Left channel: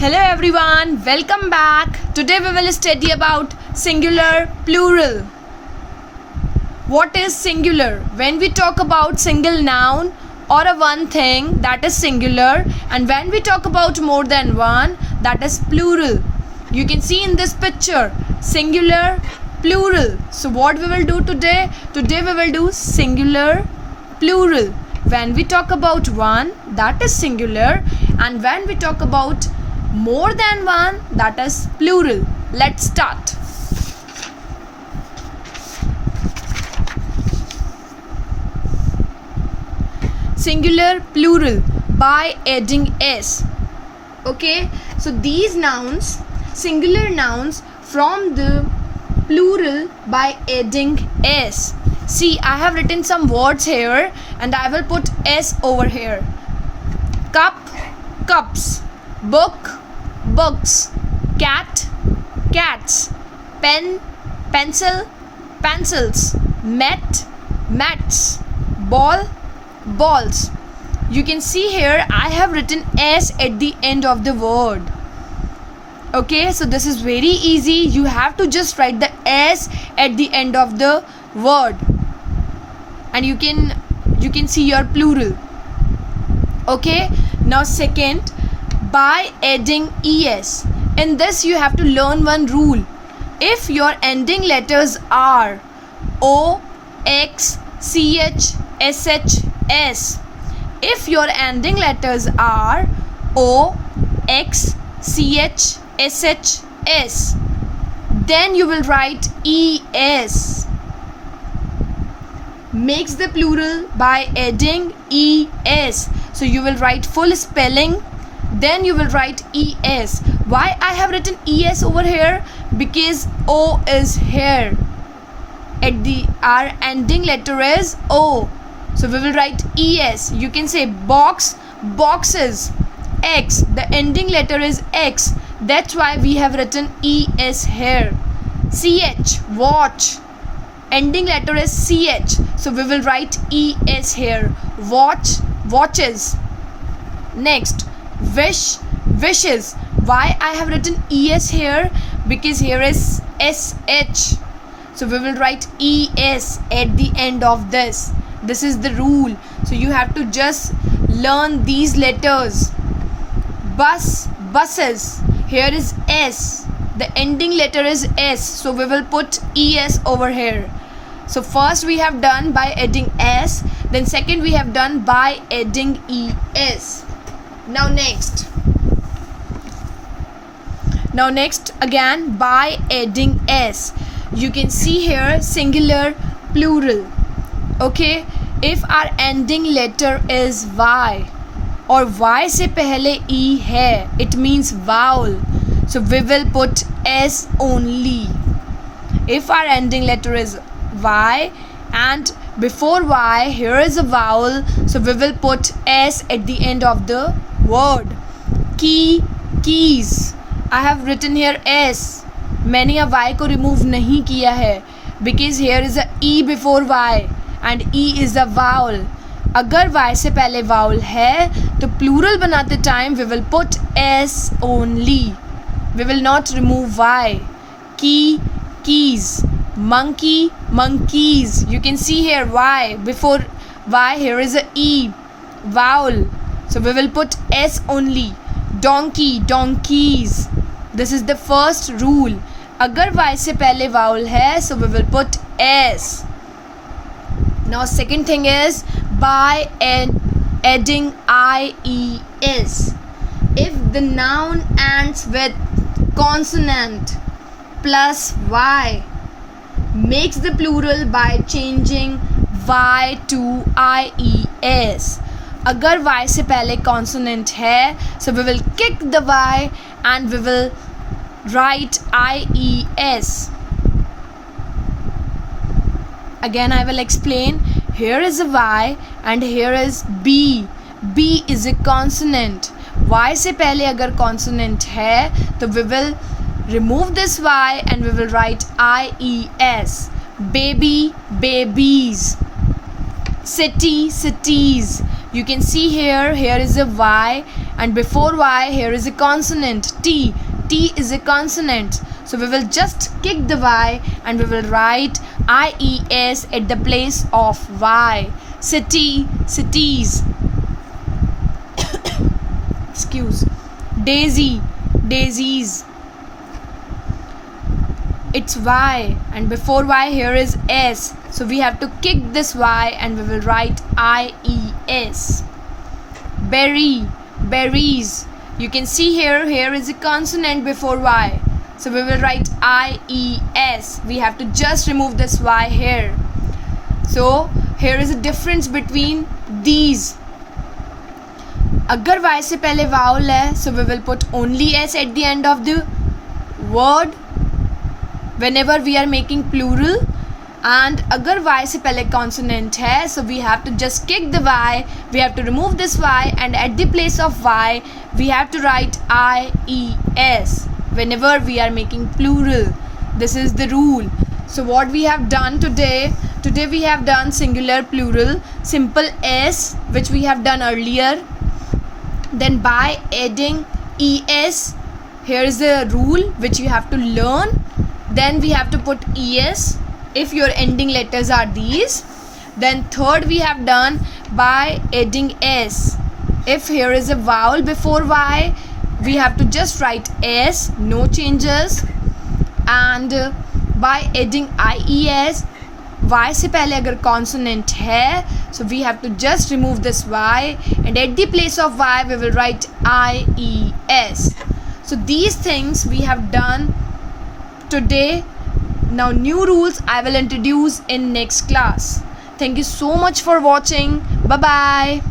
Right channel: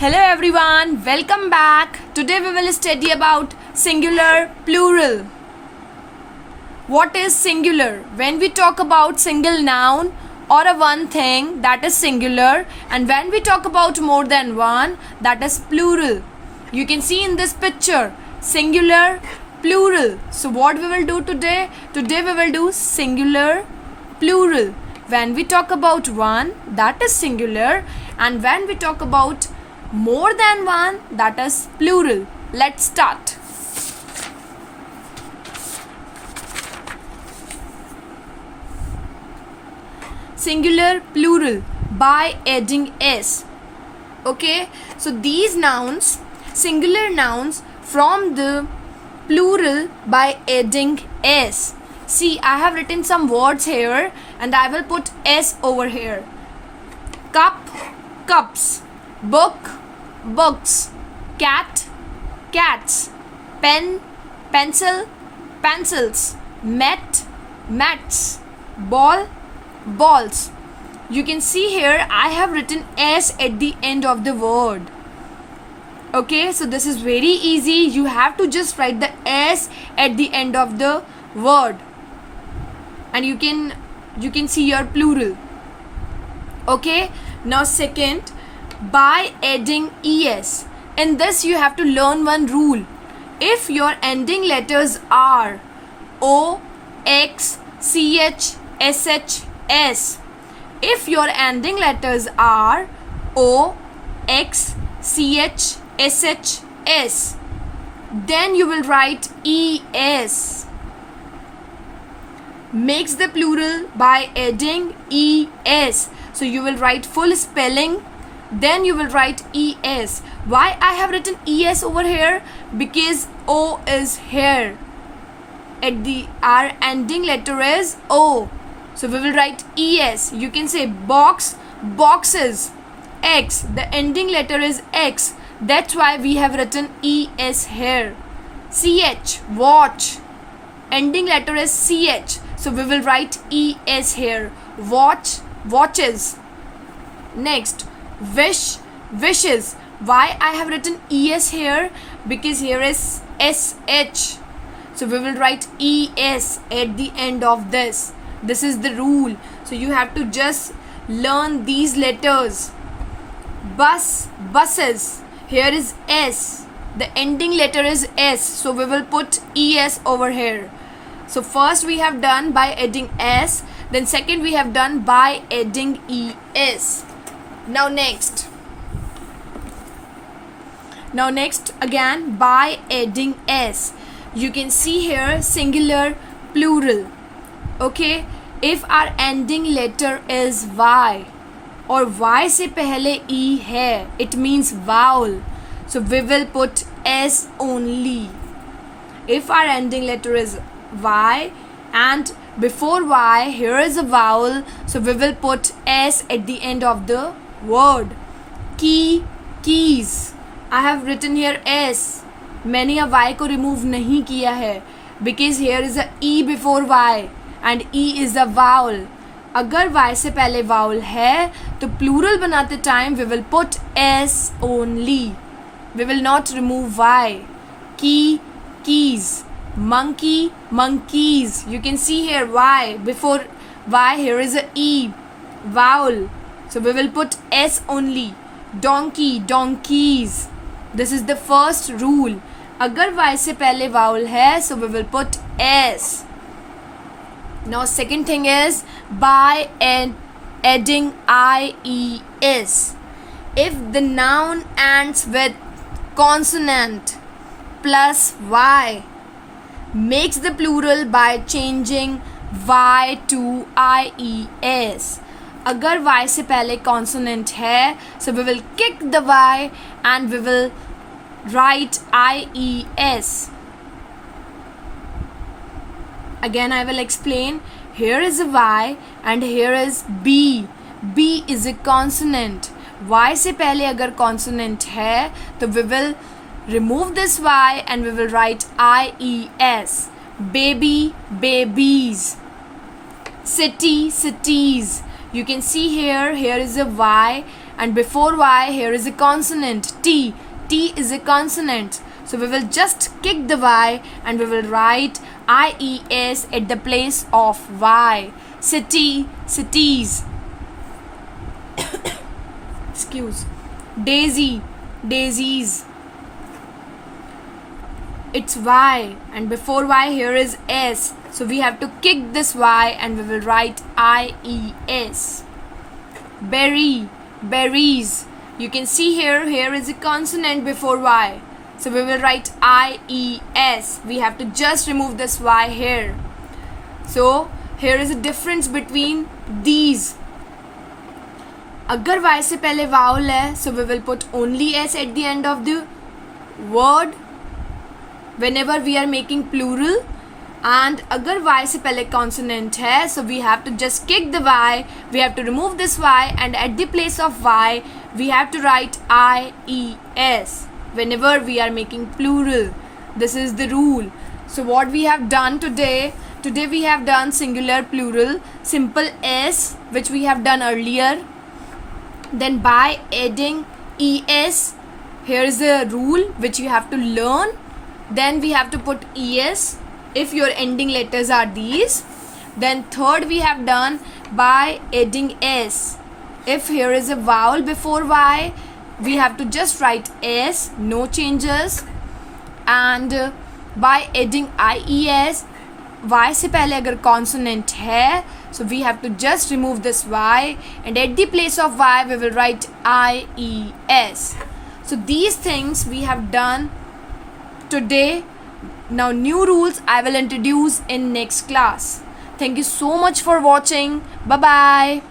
Hello everyone, welcome back. Today we will study about singular plural. What is singular? When we talk about single noun or a one thing, that is singular, and when we talk about more than one, that is plural. You can see in this picture singular, plural. So what we will do today? Today we will do singular, plural. When we talk about one, that is singular, and when we talk about more than one, that is plural. Let's start. Singular, plural by adding s. Okay, so these nouns, singular nouns from the plural by adding s. See, I have written some words here and I will put s over here. Cup, cups. Book, books. Cat, cats. Pen, pencil, pencils. Mat, mats. Ball, balls. You can see here I have written s at the end of the word. Okay, so this is very easy. You have to just write the s at the end of the word and you can see your plural. Okay, now second, by adding es. In this you have to learn one rule. If your ending letters are o, x, ch, sh, s, if your ending letters are o, x, ch, sh, s, then you will write es. Makes the plural by adding es. So you will write full spelling, then you will write es. Why I have written es over here? Because o is here. Our ending letter is o. So we will write es. You can say box, boxes. X, the ending letter is x. That's why we have written es here. Ch, watch. Ending letter is ch. So we will write es here. Watch, watches. Next, wish, wishes. Why I have written es here? Because here is sh. So we will write es at the end of this. This is the rule. So you have to just learn these letters. Bus, buses. Here is s. The ending letter is s. So we will put es over here. So first we have done by adding s. Then second we have done by adding es. Now next again by adding s. You can see here singular, plural. Okay, if our ending letter is y और y से पहले e है, it means vowel. So we will put s only. If our ending letter is y and before y here is a vowel, so we will put s at the end of the word. Key, keys. I have written here s. मैंने यहाँ y को remove नहीं किया है because here is a e before y and e is a vowel. अगर y से पहले vowel है तो plural बनाते time we will put s only. We will not remove y. Key, keys. Monkey, monkeys. You can see here y. Before y here is a e. Vowel. So we will put s only. Donkey, donkeys. This is the first rule. अगर y से पहले vowel है so we will put s. Now second thing is by adding ies. If the noun ends with consonant plus y, makes the plural by changing y to ies. अगर y से पहले consonant है so we will kick the y and we will write ies. Again I will explain. Here is a y and here is b. b is a consonant. y से पहले अगर consonant है तो we will remove this y and we will write ies. Baby, babies. City, cities. You can see here is a y and before Y here is a consonant T. T is a consonant, so we will just kick the Y and we will write IES at the place of Y. City, cities. Excuse. Daisy, daisies. It's Y, and before Y here is S, so we have to kick this Y and we will write IES. Berry, berries. You can see here is a consonant before Y, so we will write IES. We have to just remove this Y here. So here is a difference between these. अगर Y से पहले vowel है, so we will put only S at the end of the word whenever we are making plural, and अगर Y से पहले consonant है, so we have to just kick the Y, we have to remove this Y, and at the place of Y we have to write IES whenever we are making plural. This is the rule. So what we have done today we have done singular, plural, simple S, which we have done earlier. Then by adding ES, here is a rule which you have to learn. Then we have to put ES if your ending letters are these. Then third we have done by adding S. If here is a vowel before Y, we have to just write S, no changes. And by adding IES, Y से पहले अगर consonant है, so we have to just remove this Y, and at the place of Y we will write IES. So these things we have done today. Now new rules I will introduce in next class. Thank you so much for watching. Bye bye.